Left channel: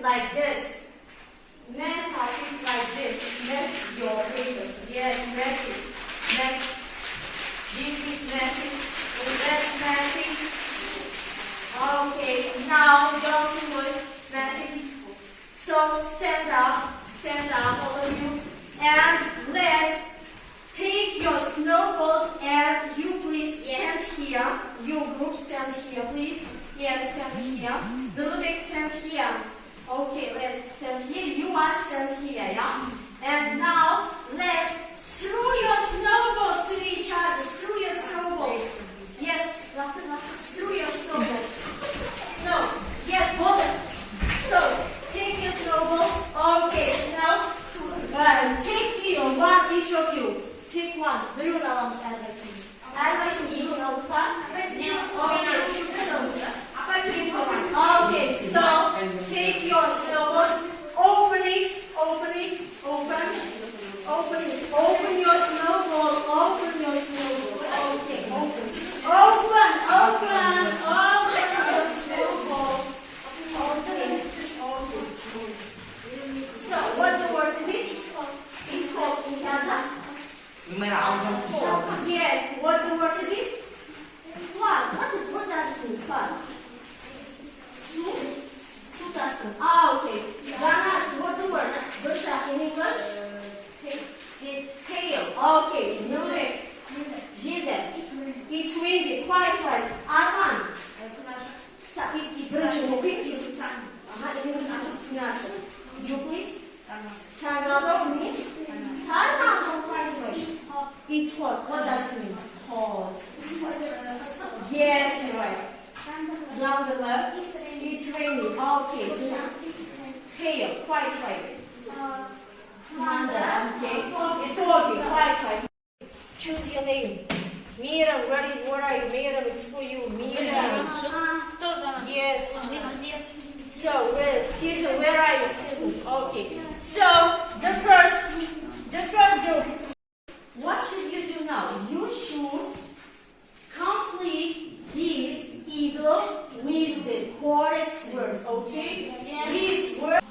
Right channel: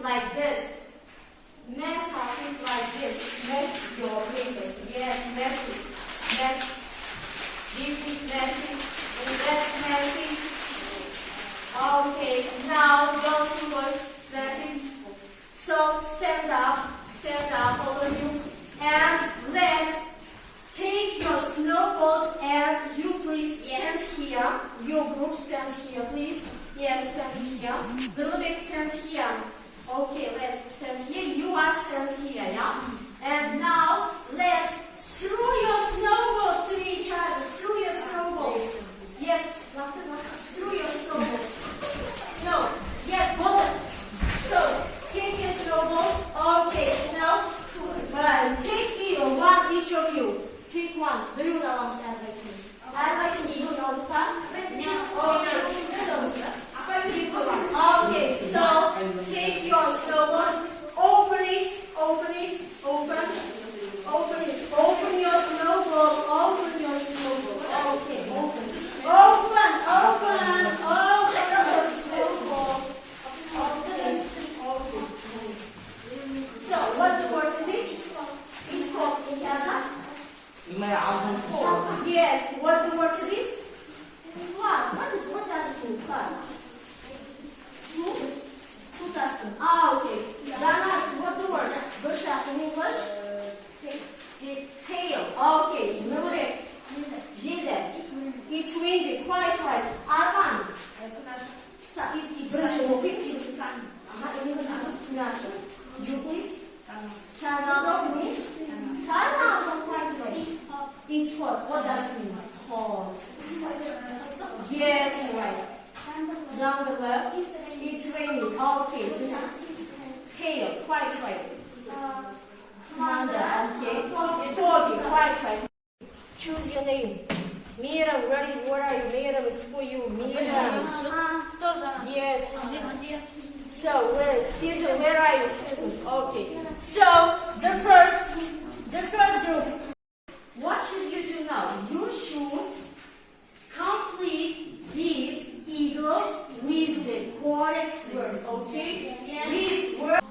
it like this. Mess up it like this. Mess your papers. Yes, mess it. Mess. This is messy. That's messy. Okay, now those was messy. So stand up, all of you, and let's take your snowballs and you please stand here. Your group stand here, please. Yes, stand here. Little bit stand here. Okay, let's stand here. You are stand here, yeah? And now let's throw your snowballs to each other. Throw your snowballs. Yes, throw your snowballs. So, yes, hold it. So, take your snowballs. Okay, now take me one, each of you. Take one. Buyurun alalım Erbay'sın. Erbay'sın iyi alıpa. Okay, so take your snowballs. Open it. Open your snowball. Open your snowball. Okay, open your snowball. Okay. So, what the word is it? It's called Ingaza. Yes, what the word is it? What? What does it mean? What? Su dusting. Okay. That's what the word. Busha in English? Hail. Okay. Nure. Jide. It's windy. Quite right. Arman. You please? Tanado means? Tanado quite right. It's what? What does it mean? Hot. Yes, right. Jungle. It's raining. Okay. Hail. Quite right. Thunder. Okay. Foggy. Quite right. Choose your name. Mira, what are you? Mira, it's for you. Mira. Yes. So, Caesar, where are you? Caesar. Okay. So, the first group. What should you do now? You should complete this eagle with the correct words. Okay? Yes. These words.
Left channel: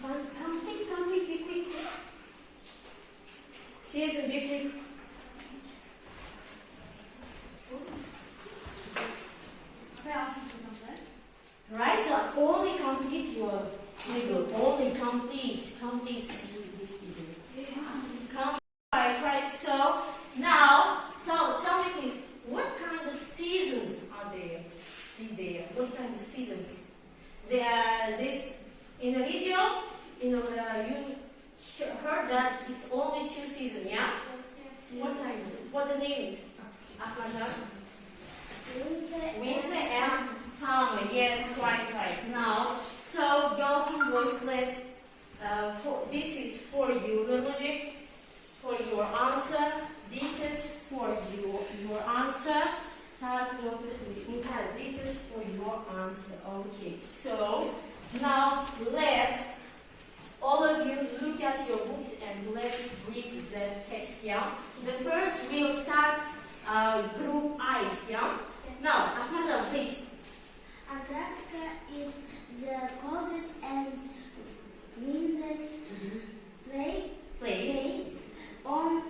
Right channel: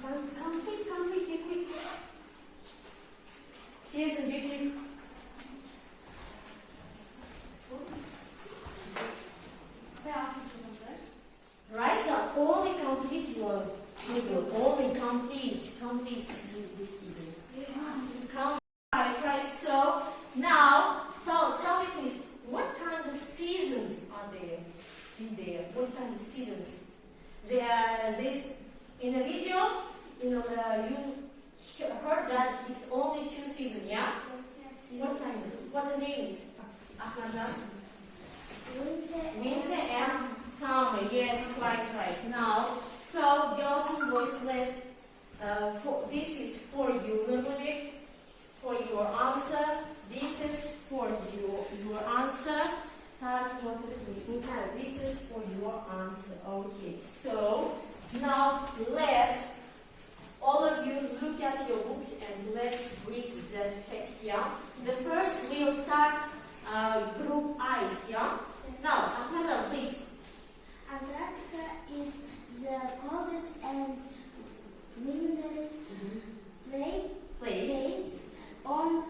Complete, be quick. Caesar, be quick. Right? So only complete your eagle. Only complete this eagle. Right. So now, tell me please, what kind of seasons are there? What kind of seasons? This in the video, you heard that it's only 2 seasons, yeah? Yes. What kind? What the name is? Winter and summer. Yes, right. Now, so girls and boys, let's. This is for you, little bit, for your answer. This is for your answer. This is for your answer. Okay. So now let's all of you look at your books and let's read the text. Yeah. The first we'll start group I's. Yeah. Now, Ahmed, please. Antarctica is the coldest and windless place on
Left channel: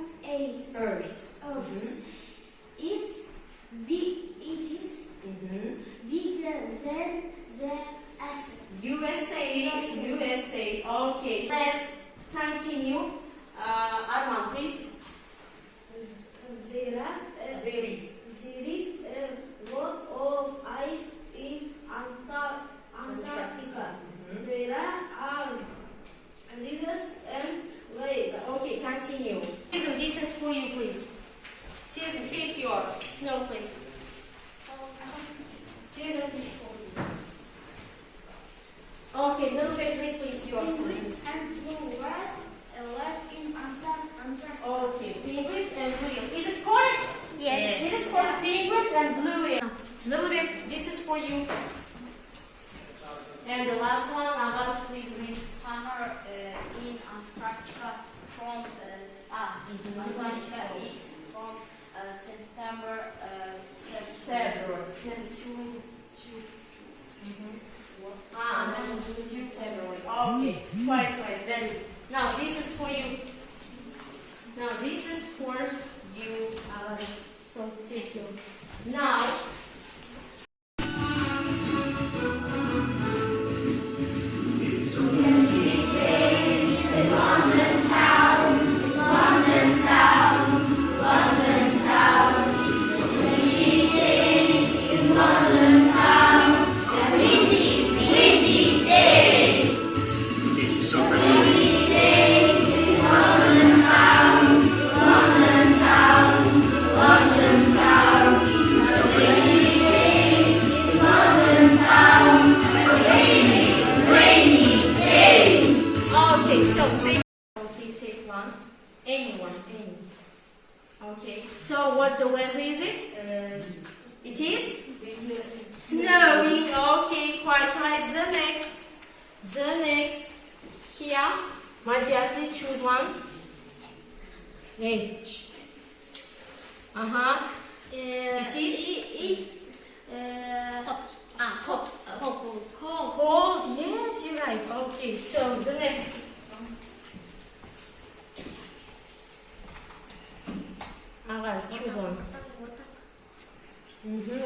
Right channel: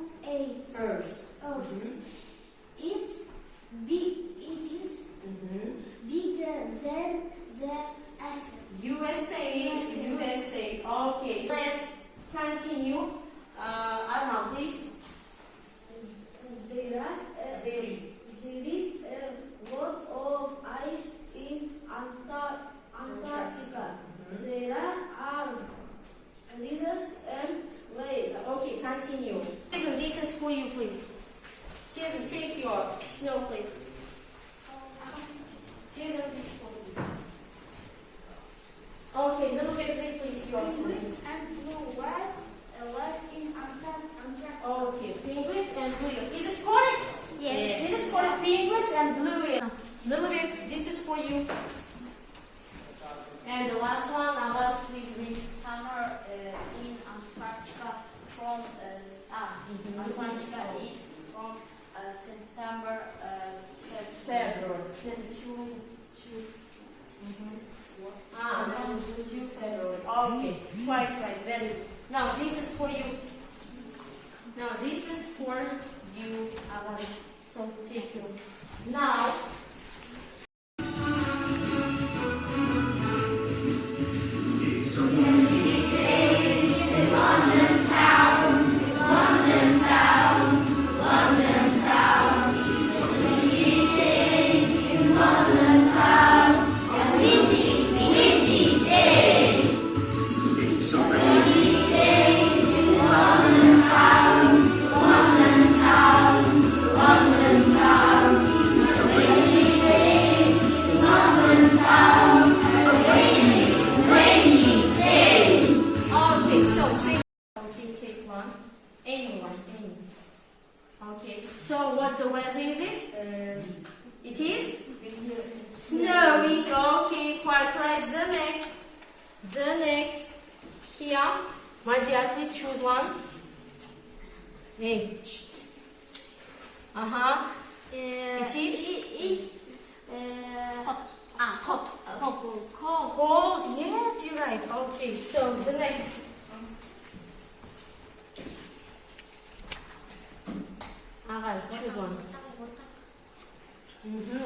Earth. It is bigger than the USA. Okay. Let's continue. Arman, please. There is a lot of ice in Antarctica. There are rivers and lakes. Okay, continue. This is for you, please. Caesar, take your snowflake. Caesar, please for you. Okay, little bit, please. penguins and blue rats live in Antarctica. Okay, penguins and blue. Is it correct? Yes. This is for penguins and blue. Little bit, this is for you. And the last one, Abbas, please read. Summer in Antarctica from Antarctica is from September February. was with you February. Okay, quite right. Very good. Now this is for you. Now this is for you, Alice. So take you. Now. Okay, so what the weather is it? It is snowing. Okay, quite right. The next. Here, my dear, please choose one. Hey. It is. Cold. Cold. Yes, you're right. Okay, so the next. Guys, choose one.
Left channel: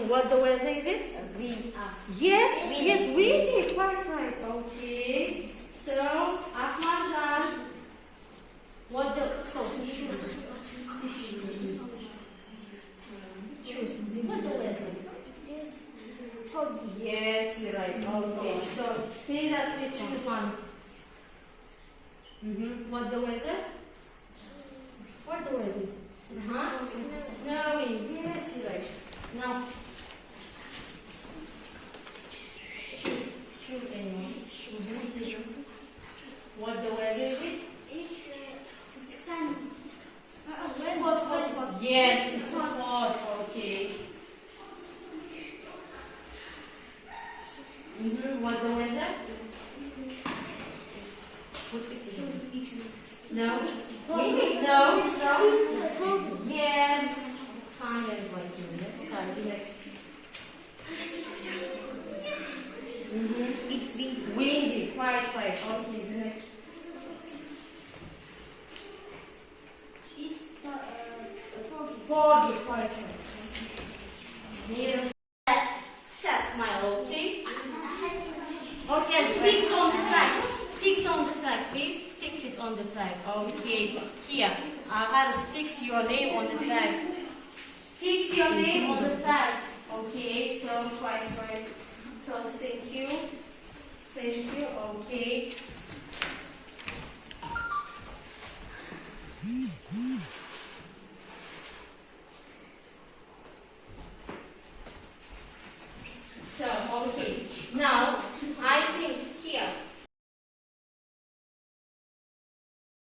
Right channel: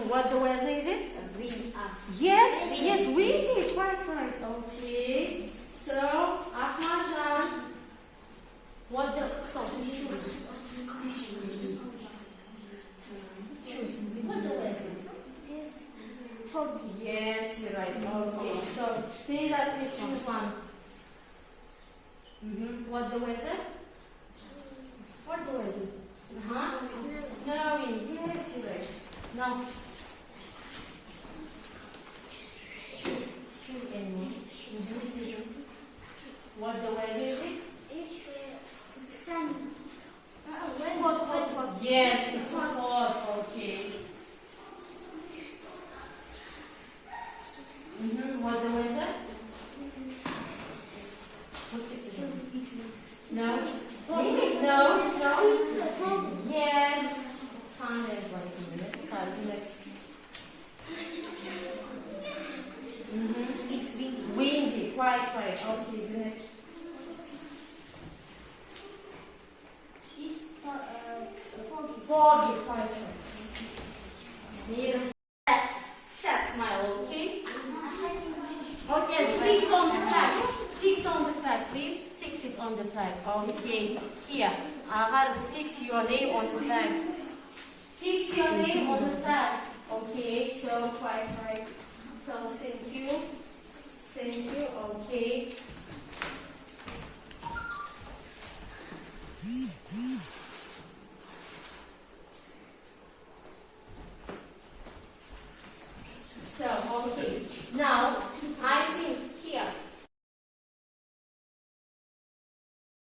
What the weather is it? Wind. Yes, windy. Quite right. Okay. So, Ahmadjan. What the? So, choose. What the weather? It is foggy. Yes, you're right. Okay. So, please choose one. What the weather? What the weather? Snowing. Yes, you're right. Now, choose anyone. What the weather is it? It's sunny. Hot. Yes, it's hot. Okay. What the weather? What's it? No. No. Yes. Sun and white. Let's try the next. It's windy. Windy. Quite right. Okay, the next. It's foggy. Foggy. Quite right. Set smile. Okay. Okay. Fix on the flag. Fix on the flag, please. Fix it on the flag. Okay. Here. Guys, fix your name on the flag. Fix your name on the flag. Okay, so quite right. So thank you. Okay.